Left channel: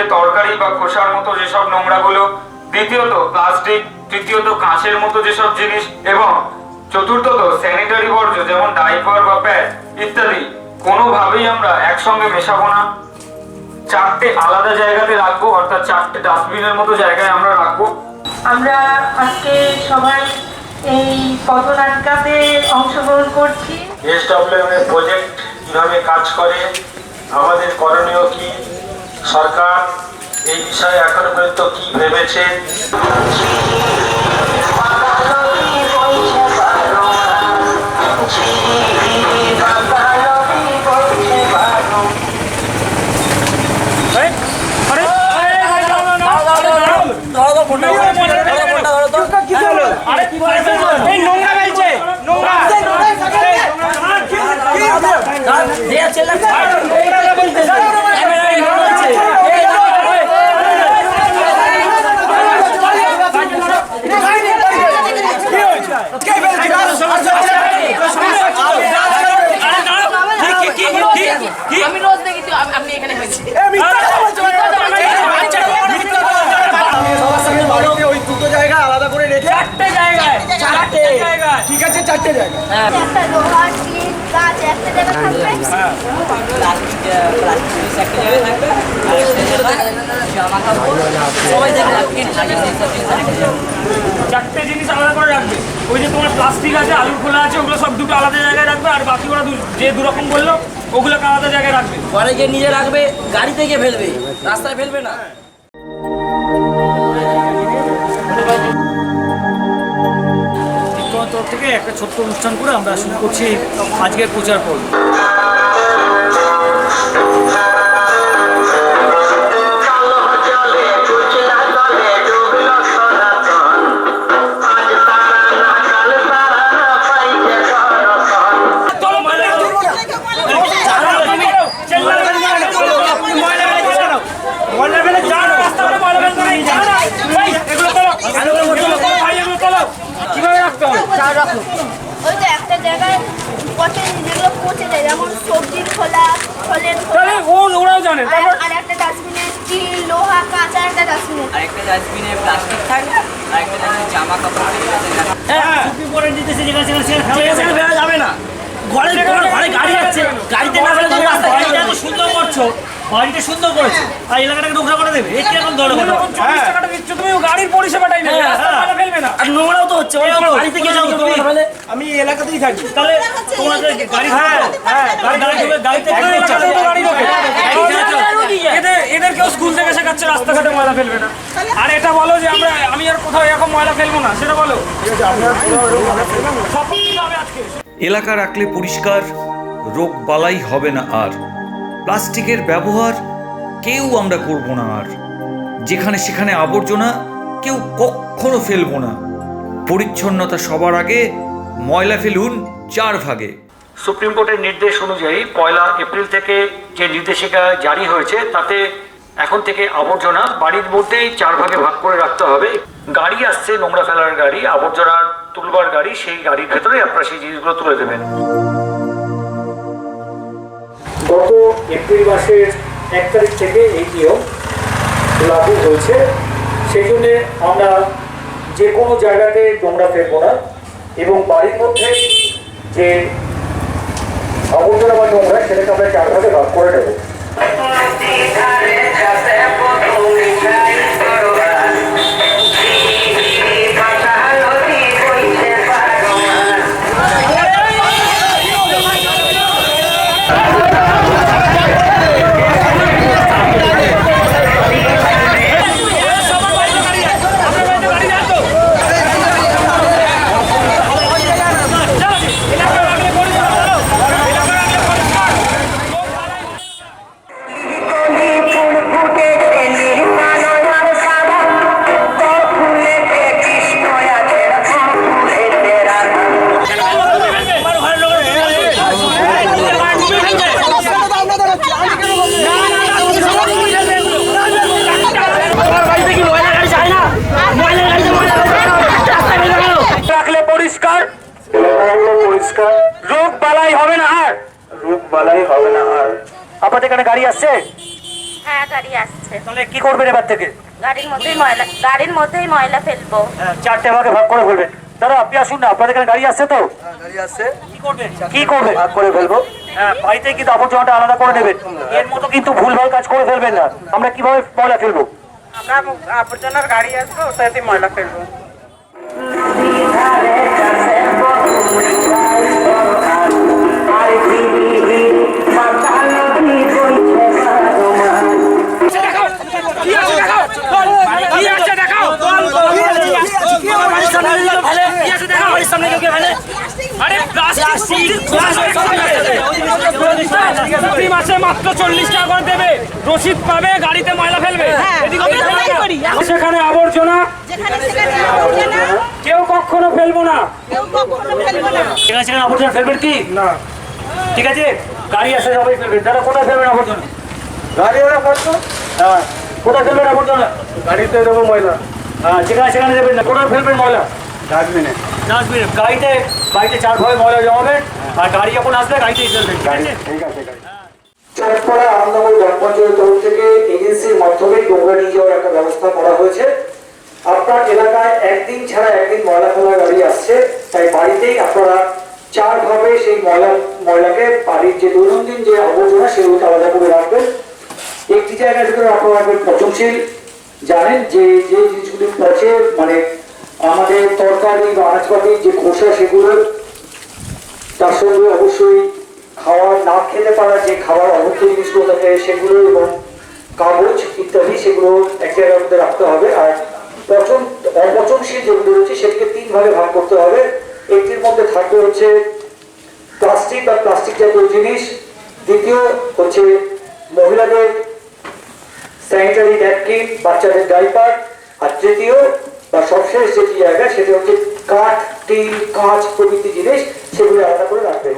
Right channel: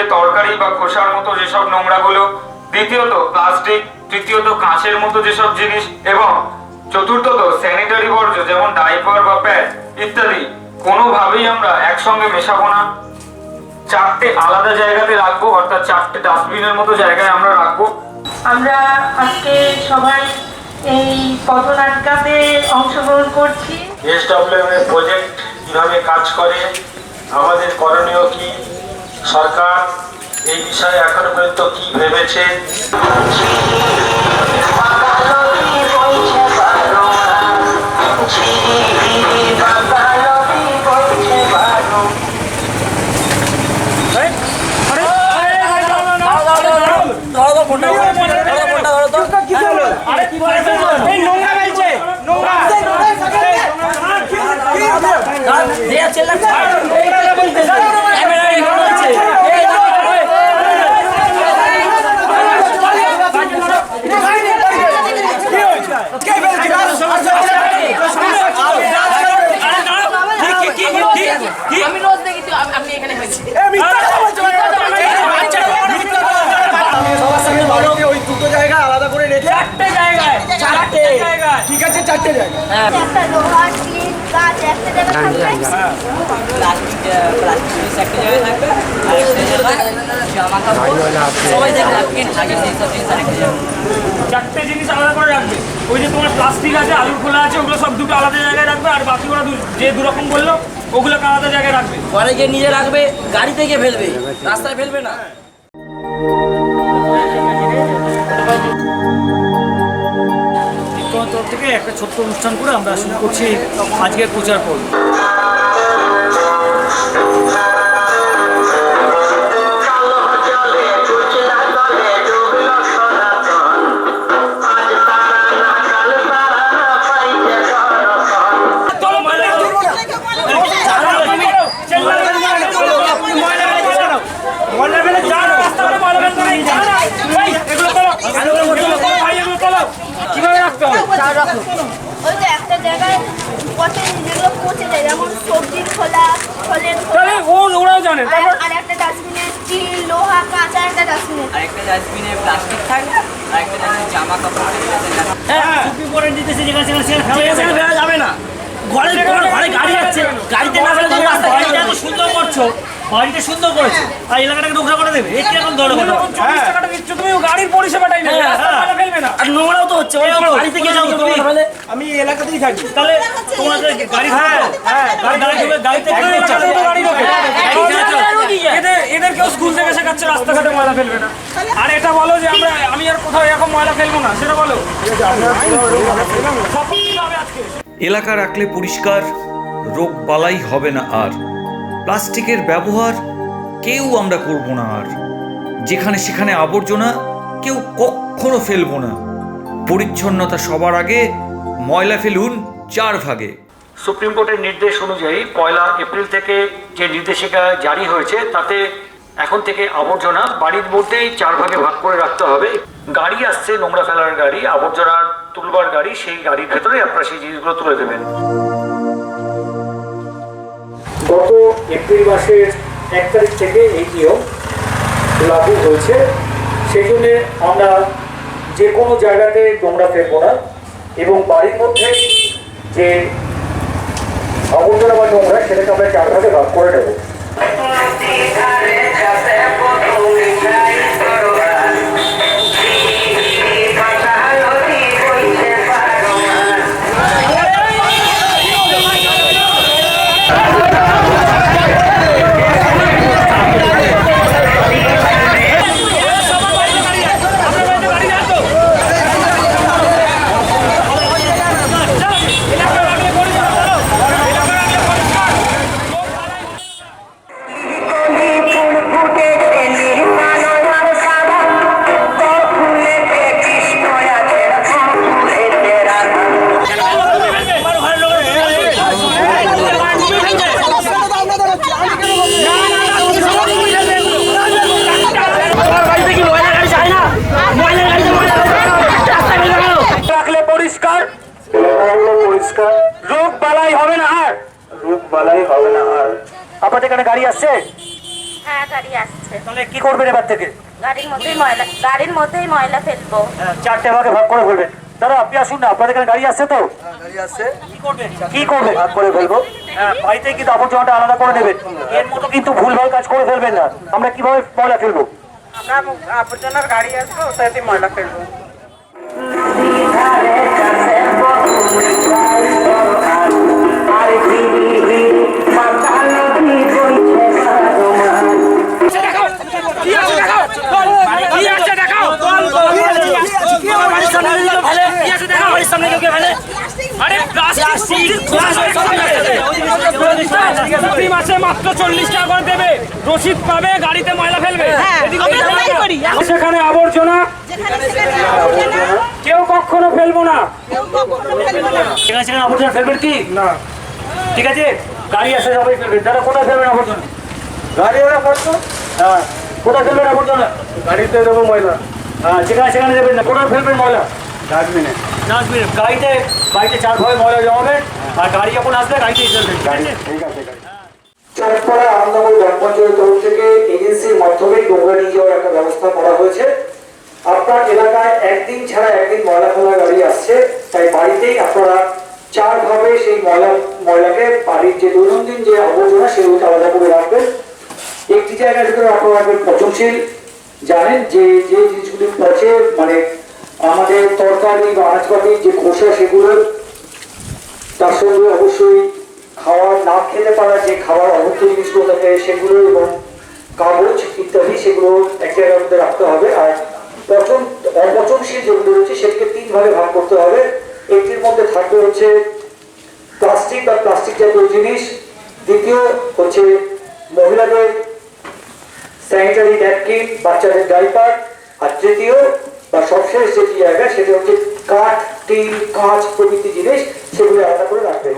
যে তরকারি বা খোসার মতো যেসব নোংরাগুলো, দ্বিতীয়ত প্লাস্টিক, তৃতীয়ত কাঁচের মতো যেসব জিনিস, এবং চতুর্থত স্যানিটারি বর্জ্য যেমন ডাইপার বা প্যাড ইত্যাদি কোনোভাবেই আমরা একসঙ্গে মেশাবো না। 4টে আলাদা জায়গাতে রাখবো, অর্থাৎ 4টে ডাস্টবিনের মতো জায়গায় আমরা রাখবো। আমরা আজকে সবাই এই পথনাটিকাতে অংশগ্রহণ করছি। এসডব্লিউএম এর প্রজেক্ট কিভাবে কাজ করে, আমাদের করণীয় কি, সরকার এই বিষয়ে এখনো পর্যন্ত কি ভেবেছে। আমি রোজ দেখি আপনি এখানে হয়েছে ওই দুটো জায়গা আলাদা করে রেখে 4টে জায়গায় ঠিক আছে 4টে জায়গায় একটা লোহার টিন গাছ একটা জায়গায় থাকবে প্লাস্টিক একটা জায়গায় থাকবে আর একটা জায়গায় জামা কাপড় সবাই দেখে ন্যাপকিন থাকে সেই সব জিনিস আরেকটা জায়গায় 4টে জিনিস আলাদা করে রাখবে। ওই যে তোমার প্লাস্টিক আছে, আলুর খোলা আছে, ওগুলো সব দুটো আলাদা জায়গায় রাখবে, আর বাকি ওরা যে দুরকম বললো ওগুলোকে আলাদা জায়গায় রাখবে। ঘরে গিয়ে নিজে রাখবে, গাড়িতে গিয়ে ফেলবে, রাস্তায় ফেলবে না। তরফ থেকে একটা ছোট্ট অনুষ্ঠান করে আমরা শুরু করছি আজকের প্রচার পর্ব। ওই যে একটা জায়গায় পচে যেগুলো পচে যায়, যেমন সবজির খোলা, ফলের খোলা, ওরাও জানে। আর একটা ডাস্টবিনে স্টিল, লোহা, কাঁচ, আর একটা ডাস্টবিনে আরেকটা ডাস্টবিনে প্লাস্টিক থাকবে, আরেকটা ডাস্টবিনে জামা কাপড় ফেলা যাবে না। ঘরে গাড়ি যাচ্ছে, গাড়িতে না ফেলে তুমি রাস্তায় এত সুন্দর করছো, বাড়িটা সুন্দর করেছো, আর এলাকাটাকে নোংরা করে দেবে, এটা এখন ধরো 24 টাকাটা দিচ্ছ তুমি, গাড়ির পরিষেবাটাই নেবে, রাস্তায় ফেলবে না। আর নোংরাও তো হচ্ছে, বাড়িতে গিয়ে যাও তুমি, আমি এই এলাকাতেই থাকি। তাহলে তোমাদের গাড়ি এদের কেউ স্কুল থেকে শেখাচ্ছে রাস্তাঘাটে ময়লা ফেলবে না। আর এটা বলো যে আমি আর কোথাও এরকম ময়লা ফেলবো না, সেটা বলো। সব কিছু হবে আজকে। এলাকা রাখলে পরিষ্কার, রোগ বালাই হবে না আর। প্লাস্টিকের ব্যবহার কেউ আমরা করব না আর। যেখানে সেখানে আবর্জনা কেউ কখনো ফেলবো না। পরিচ্ছন্নতা সবার আগে, ময়লা ফেলুন 4 ভাগে। সুপ্রিম কোর্টের নির্দেশ অনুযায়ী 1 এপ্রিল থেকে যে নির্দেশিকা জারি হয়েছে, তাতে এখন থেকে আবর্জনা বাড়ির মধ্যেই 4 ভাগে ভাগ করে রাখতে হবে। গাড়ি আসছে, নোংরা ফেলার গাড়ি, আবর্জনা তুলবার গাড়ি, সেই গাড়ির ভেতরে আপনারা সেই জিনিসগুলো তুলে দেবেন। গত এপ্রিল মাসের 1 তারিখ থেকে এই নিয়ম লাগু হয়েছে। সেই জন্য আমরা যে কোনো জায়গাতে নোংরা ফেলবো না, এবং বাড়ির মধ্যে যে আবর্জনা বা নোংরা সেটাকে আমরা 4 ভাগে ভাগ করে নেব। পরিষ্কার, রোগ বালাই হবে না আর। আপনাদের এখানে গাড়ি আসছে, হ্যাঁ গাড়ি আসছে, তাহলে কি করবেন এবার থেকে? গাড়ির মধ্যেই ময়লা ফেলবো। হ্যাঁ, 4টে ভাগে ভাগ করে ফেলবেন। দাদা আপনি আসুন না, আপনাদের এখানে গাড়ি আসছে তো? গাড়ি আসছে, কি করবেন? ভাগ করে ফেলবো। হ্যাঁ, বাড়িতে কিন্তু আবর্জনাটা আলাদা করে নেবেন। এর মতো কিন্তু ভুলভাল কাজ করে ফেলবেন না। আমরা কিভাবে ময়লা ফেলবো? আমরা আবর্জনার গাড়ি আসবো, ওটাতে ময়লা ফেলবো। প্রতি মাসে মাত্র 40 টাকা করে দেবে, রসিদ পাবে, গাড়িতে ময়লা ফেলবে। সেখানে আবর্জনা কেউ কখনো ফেলবো না। সেখানে আবর্জনা ফেলবেন কি না? ঠিক আছে, গাড়ি আসে সবাই ফেলবেন। দাদা কোথায় ফেলবেন আবর্জনা? গাড়ি ওরা করতো, হ্যাঁ, কোথায় ফেলবেন আবর্জনা? গাড়িতে দেবো ময়লা, হ্যাঁ, সেখানে দেবেন না। কোথায় ফেলবেন ময়লা? ডাস্টবিনে। ডাস্টবিনে। গাড়িতে 4 ভাগে ময়লা জমাবেন, আর গাড়ি যখন আসবে গাড়িতেই ফেলবেন। ঠিক আছে? ঠিক আছে। চাঁদপাড়া আনন্দময় গ্রাম পঞ্চায়েতের তরফ থেকে এজেন্সির মাধ্যমে নোংরা নিয়ে যাওয়ার একটা ব্যবস্থা করা হয়েছে। আপনার এলাকায় একদিন ছাড়া একদিন ময়লা ফেলা গাড়ি আসছে, তাই বাড়িতেই আপনারা 4 ভাবে সেই ময়লাকে বাড়ির যে দৈনন্দিন যে আবর্জনা সেগুলোকে আলাদা করে রাখবেন। একটি জায়গায় ভিতরে আপনারা রাখবেন পচনশীল। জানেন যে যে জিনিসগুলি পচে, মানে আমাদের তরকারি বা আনাজপাতির যে খোসা, সেগুলো তার সঙ্গে অবশ্যই খাওয়ার না খেতে পারা যে খাবার অভুক্ত জিনিসগুলো থাকে সেগুলো এবং কাগজ ইত্যাদি, সেগুলো এক জায়গার মধ্যে রাখতে হবে। আর অপচনশীল যেগুলো রয়েছে সেটিকে 3 ভাগে ভাগ করতে হবে। একটির মধ্যে থাকবে হচ্ছে প্লাস্টিক বা প্লাস্টিক জাতীয় জিনিস, দ্বিতীয় হচ্ছে মহিলাদের স্যানিটারি ন্যাপকিন, বাচ্চাদের ডাইপার, আর তৃতীয় বা সবশেষ যেটি জায়গা সেটা হচ্ছে কাঠ, টিন, কাঁচ প্রভৃতি জিনিস, সেগুলো আলাদা করে রাখবে।